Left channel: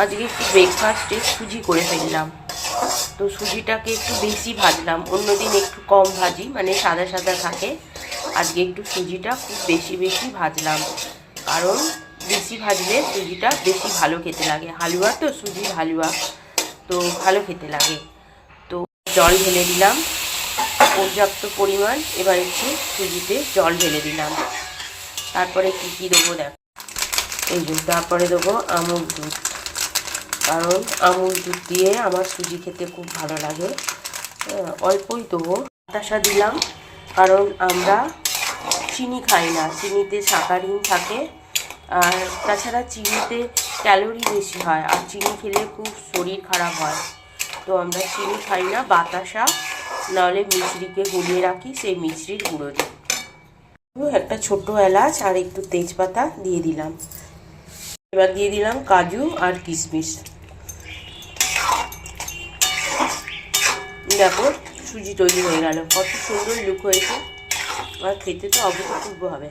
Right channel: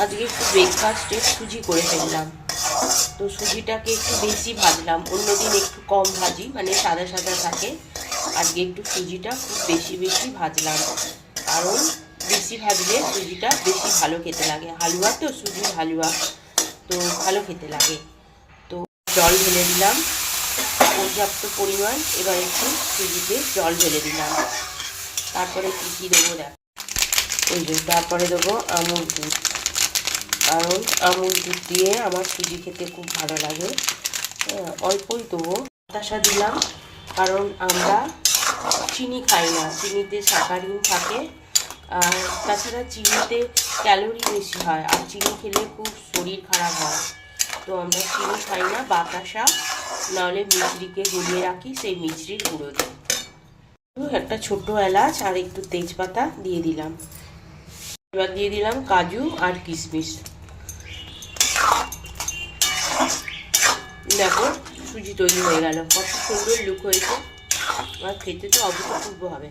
আজকে একটু ব্রেকফাস্টে সুজি করে ফেললাম। তো সুজিটাকে একটু বেশি ভাজলাম, অন্যদিন একটু কম ভাজি, মানে সাদা সাদা থাকে। আজকে একটু সুজিটা খুব বেশি বেশি ভাজলাম, কারণ বেশি ভাজলে সুজিটা বেশি ভালো খেতে লাগে। হালুয়া তো, সুজির হালুয়া, তো ভালো খেতে লাগে। তো জল ঢেলে দিলাম পর্যাপ্ত পরিমাণ। এবার একটু সুজিতে জল ঢেলে দিলাম। তারপরে কী দেবো দেখ, এই যে তারপরে দেবো আমুল দুধ, কারণ আমুল দুধ দিয়ে আমার সুজি খেতে খুব ভালো লাগে। অল্পই দেবো। বাতাসা দিলাম, কারণ আমরা চিনি খাই না, চিনিতে সাকারিন থাকে, আর তাছাড়া চিনিতে ক্যালোরি বেশি হয়, আর চিনি খেলে খুব শরীর খারাপ হয়। তো আমরা চিনি খাই না। বাতাসা নাহলে মিছরিকে গুলিয়ে রাখি, সেই মিছরির গুঁড়ো দিই। একটা ছোট এলাচ আর একটু তেজপাতা দিয়ে দিলাম। এবার দিয়ে দিলাম কাজু আর কিশমিশ। দেখো সুজি তৈরি হয়ে গেল, কত সুন্দর লুক হয়েছে, আর খেতে তো অভূতপূর্ব হবে।